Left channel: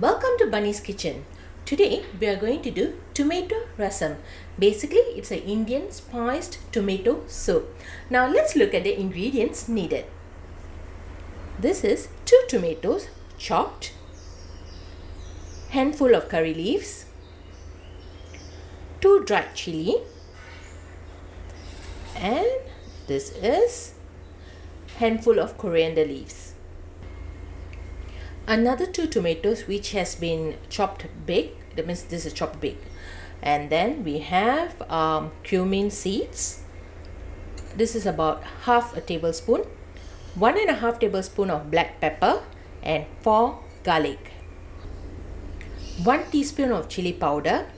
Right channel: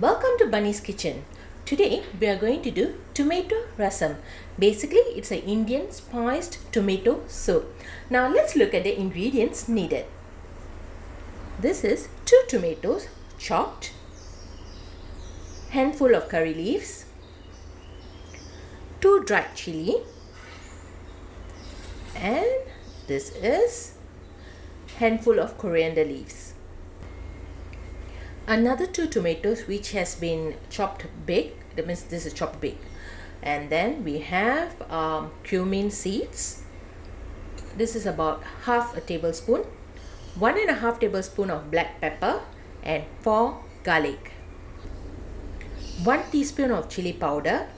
Welcome to Bunny's Kitchen. Today we are going to do tomato rasam. Basically it's an Indian spiced tomato soup. Now let's look at the ingredients needed. This is 2 tomatoes chopped, handful of curry leaves, 2 dried chilli, and this is handful of coriander leaves. Another 2 tomatoes which has been chopped big, that means this is chopped big. And then we have cumin seeds. This is about half a tablespoon, 1.5 tablespoon of black pepper, and 4 garlic, 1 teaspoon of chili powder,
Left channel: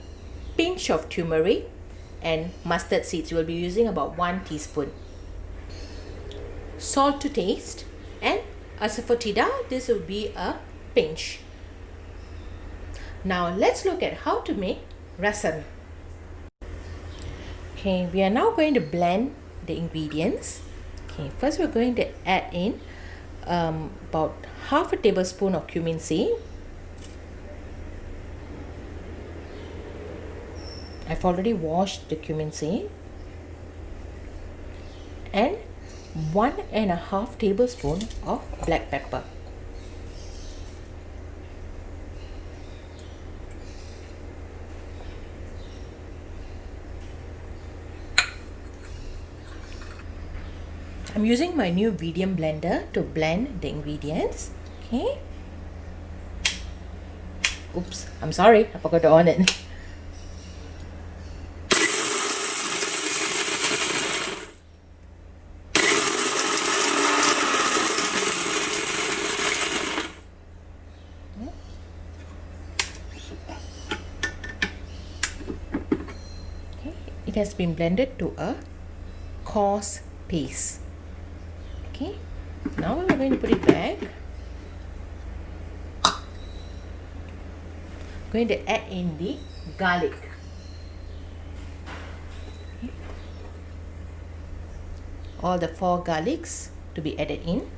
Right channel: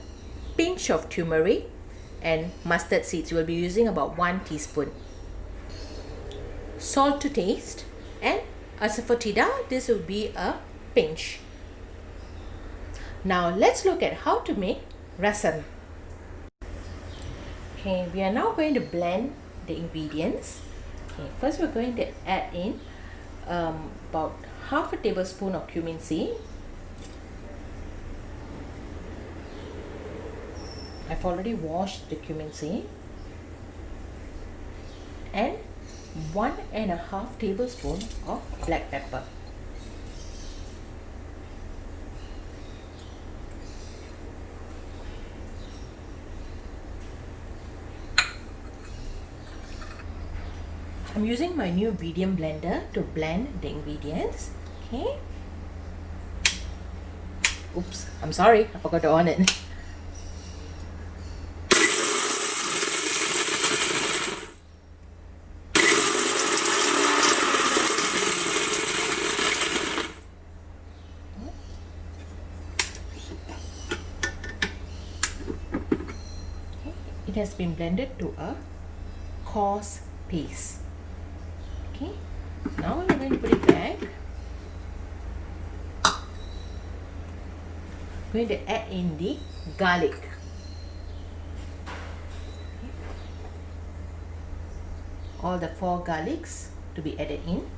pinch of turmeric, and mustard seeds. You will be using about 1 teaspoon. Salt to taste, and Asafoetida, this will be a pinch. Now let's look at how to make rasam. Okay, we are now going to blend the ingredients. Okay, first we're going to add in about half a tablespoon of cumin seed. I've already washed the cumin seed. And 1.5 tablespoon of black pepper. I'm using my new Vidiem blender to blend the ingredients. Okay. Oops, I'm sorry, I forgot to on it. It has been blended to a coarse paste. Okay, now we're going to put it back. Going to add in the garlic. All the 4 garlics to be added in.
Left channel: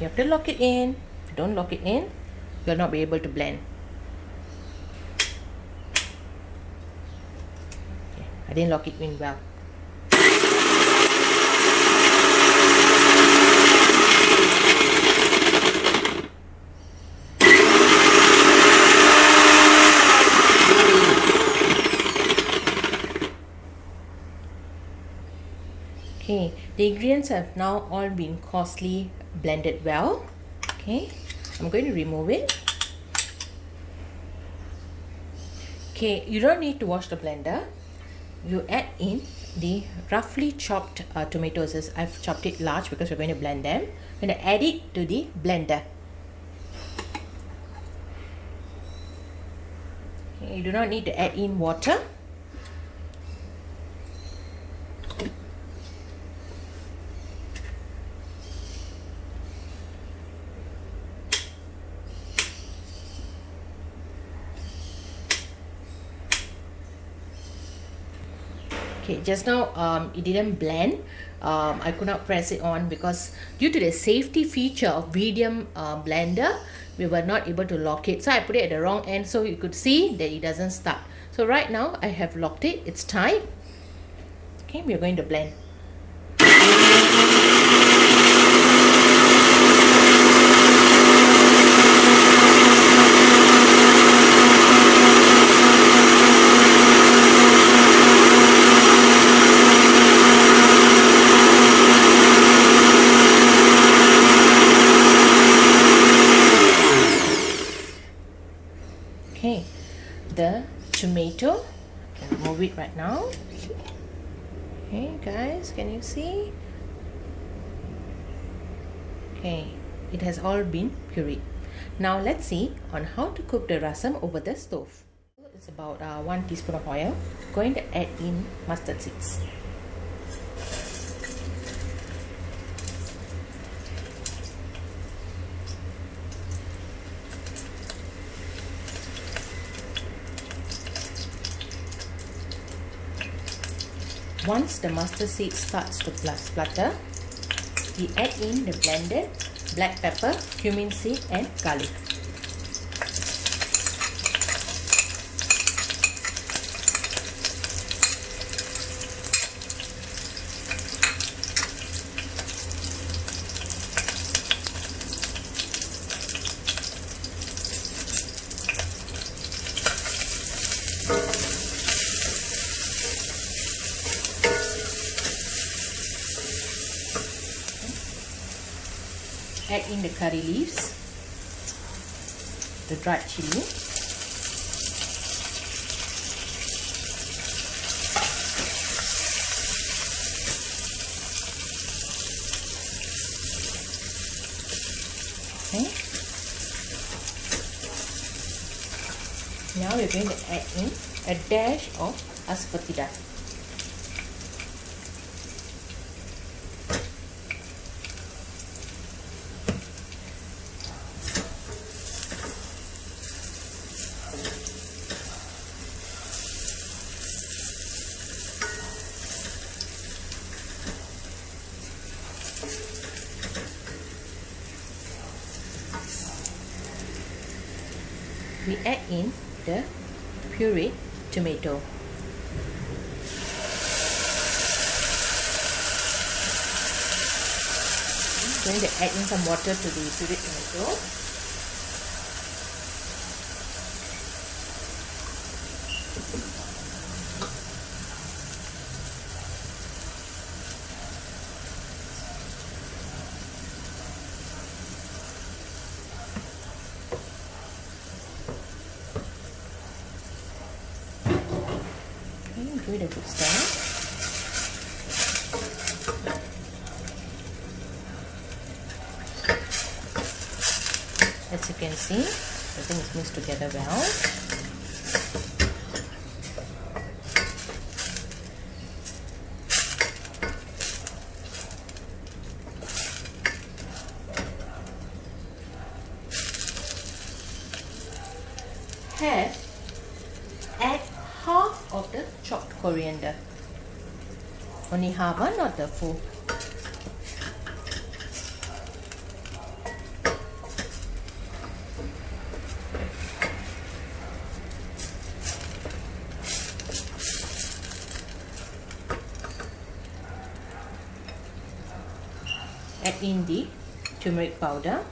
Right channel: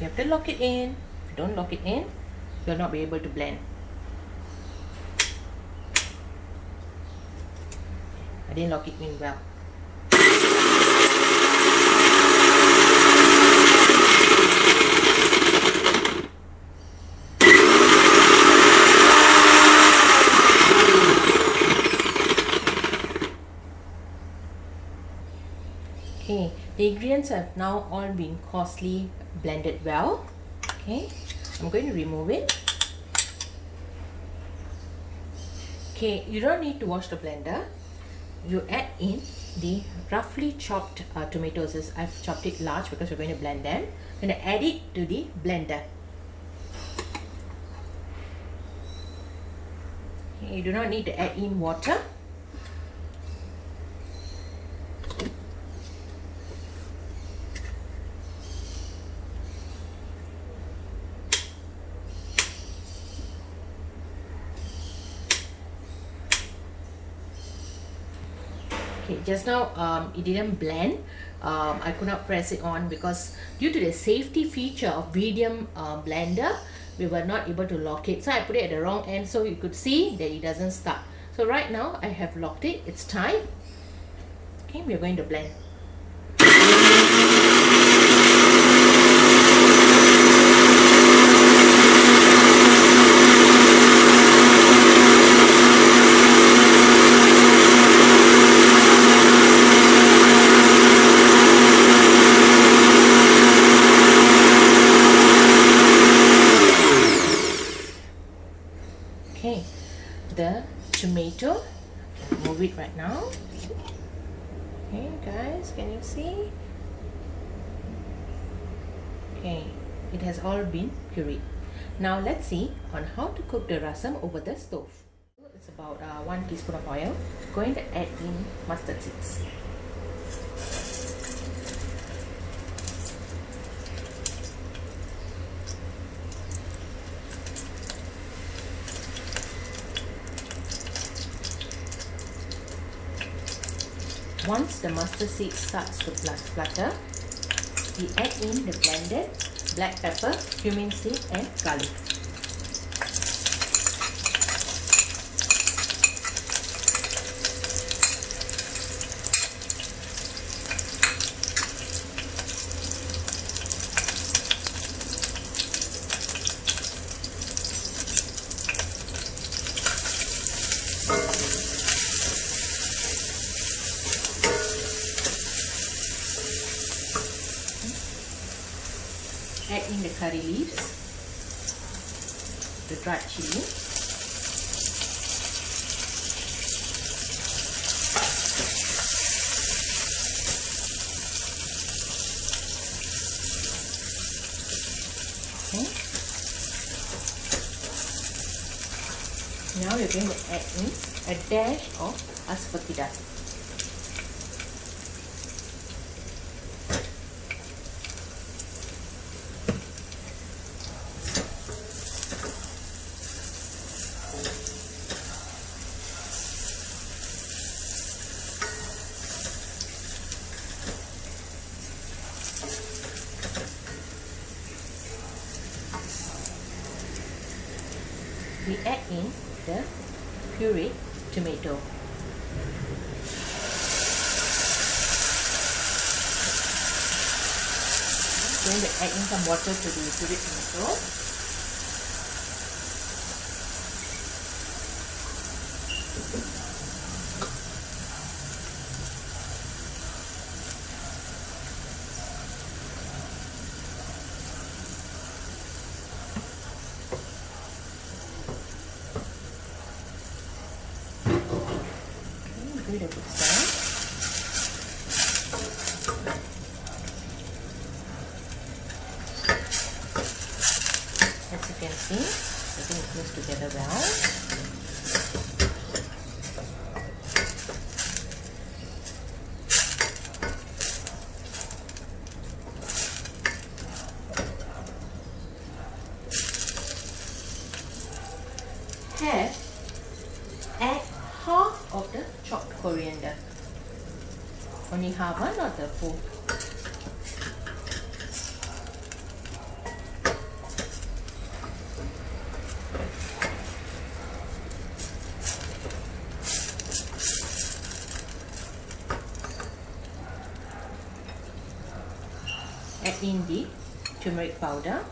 You have to lock it in. If you don't lock it in, you'll not be able to blend. I didn't lock it in well. Okay, the ingredients have now all been coarsely blended well. Okay, I'm going to remove it. Okay, you don't need to wash the blender. You add in the roughly chopped tomatoes. I've chopped it large because we're going to blend them. I'm going to add it to the blender. Okay, you do not need to add in water. Okay, just now it didn't blend. I could not press it on because due to the safety feature of Vidiem blender, we were not able to lock it. So I put it at the wrong end so you could see that it doesn't start. So right now I have locked it. It's tight. Okay, we're going to blend. Okay, the tomato, move it right now. Okay guys, can you see? Okay, it has all been pureed. Now let's see on how to cook the rasam over the stove. It's about 1 teaspoon of oil. Going to add in mustard seeds. Once the mustard seed starts to splutter, we add in the blended black pepper, cumin seed and garlic. Add in the curry leaves, the dried chilli, okay. Now we're going to add in a dash of Asafoetida. We add in the pureed tomato. I'm going to add in some water to the pureed tomato. Give it a good stir. As you can see, everything is mixed together well. Add half of the chopped coriander. Only half, not the full. Add in the turmeric powder.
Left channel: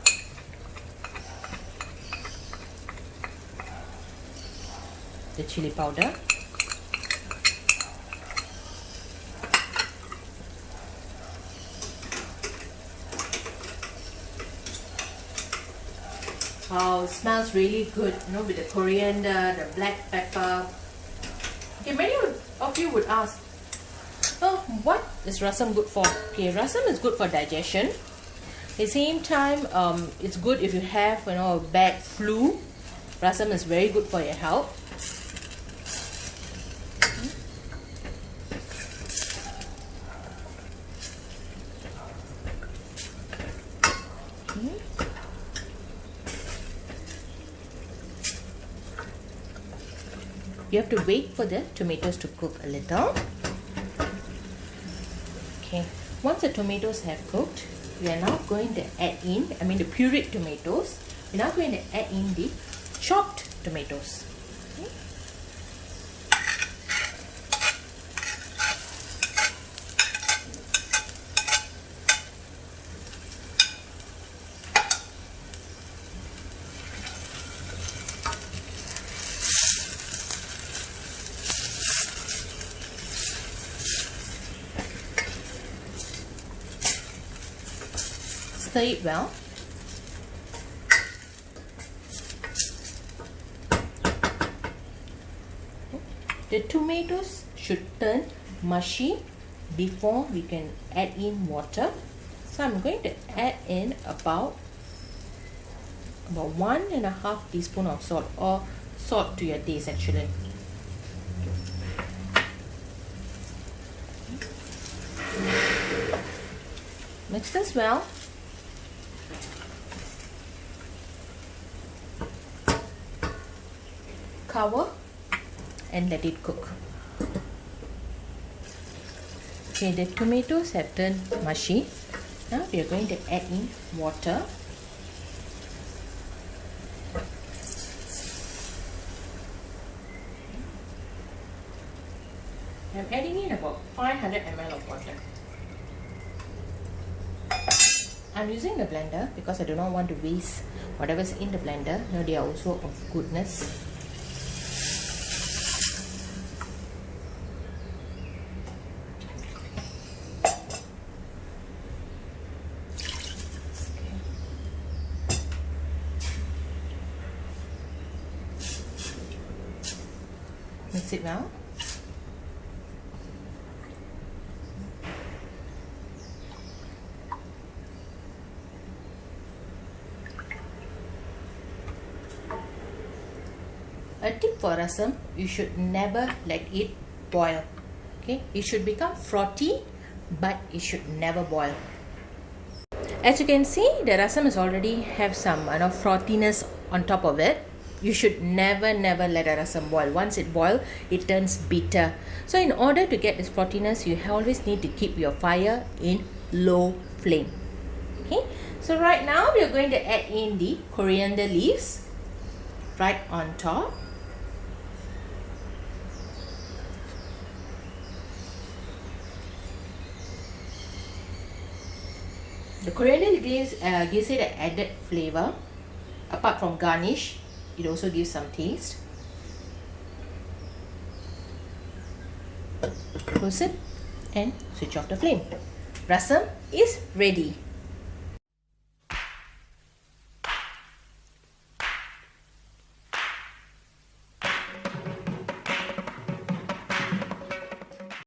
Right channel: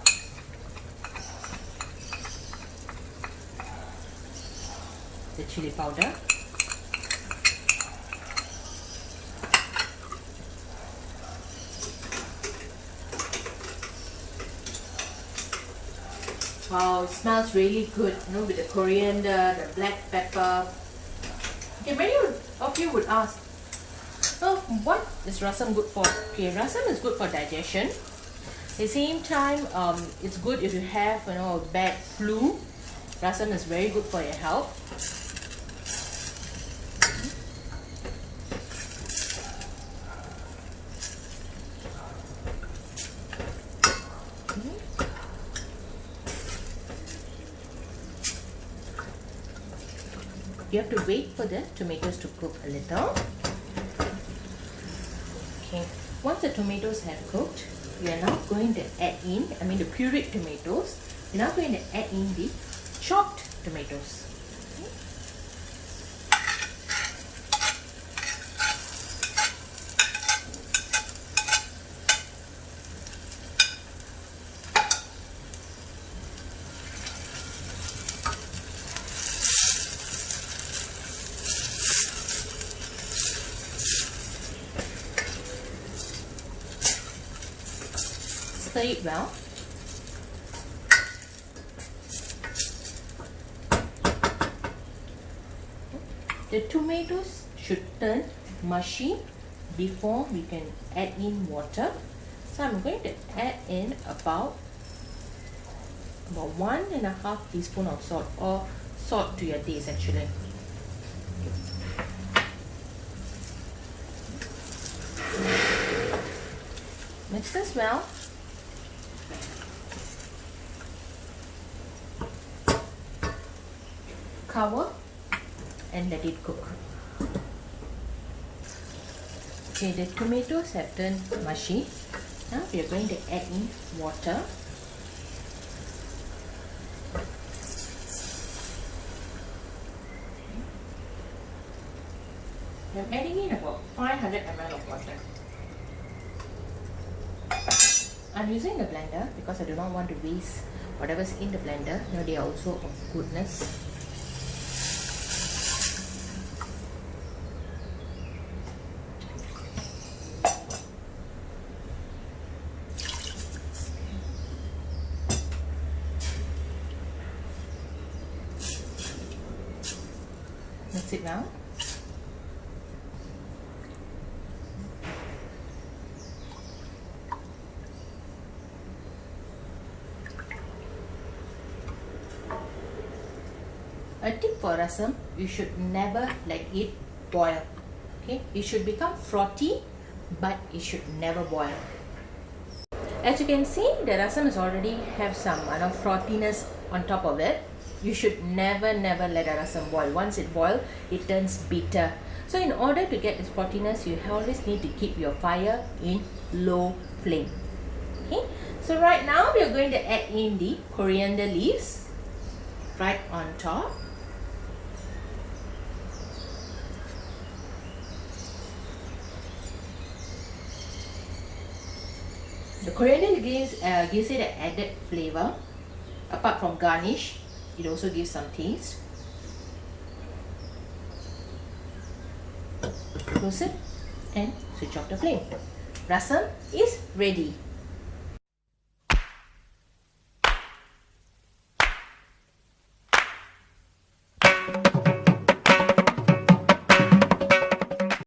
The chili powder. Wow, it smells really good, with the coriander, the black pepper. Okay, many of you would ask, oh, what is rasam good for? Okay, rasam is good for digestion. At the same time, it's good if you have, a bad flu. Rasam is very good for your health. You have to wait for the tomatoes to cook a little. Okay, once the tomatoes have cooked, we are now going to add in, the pureed tomatoes. We're now going to add in the chopped tomatoes. Stir it well. The tomatoes should turn mushy before we can add in water. So I'm going to add in about 1.5 teaspoon of salt, or salt to your taste actually. Mix this well. Cover and let it cook. Okay, the tomatoes have turned mushy. Now we are going to add in water. I'm adding in about 500 ml of water. I'm using the blender because I do not want to waste whatever's in the blender. You know, they are also of goodness. Mix it now. A tip for rasam, you should never let it boil. Okay, it should become frothy, but it should never boil. As you can see, the rasam is already have some frothiness on top of it. You should never let a rasam boil. Once it boils, it turns bitter. So in order to get this frothiness, you always need to keep your fire in low flame. Okay, so right now we are going to add in the coriander leaves right on top. The coriander gives it an added flavor. Apart from garnish, it also gives some taste. Close it and switch off the flame. Rasam is ready.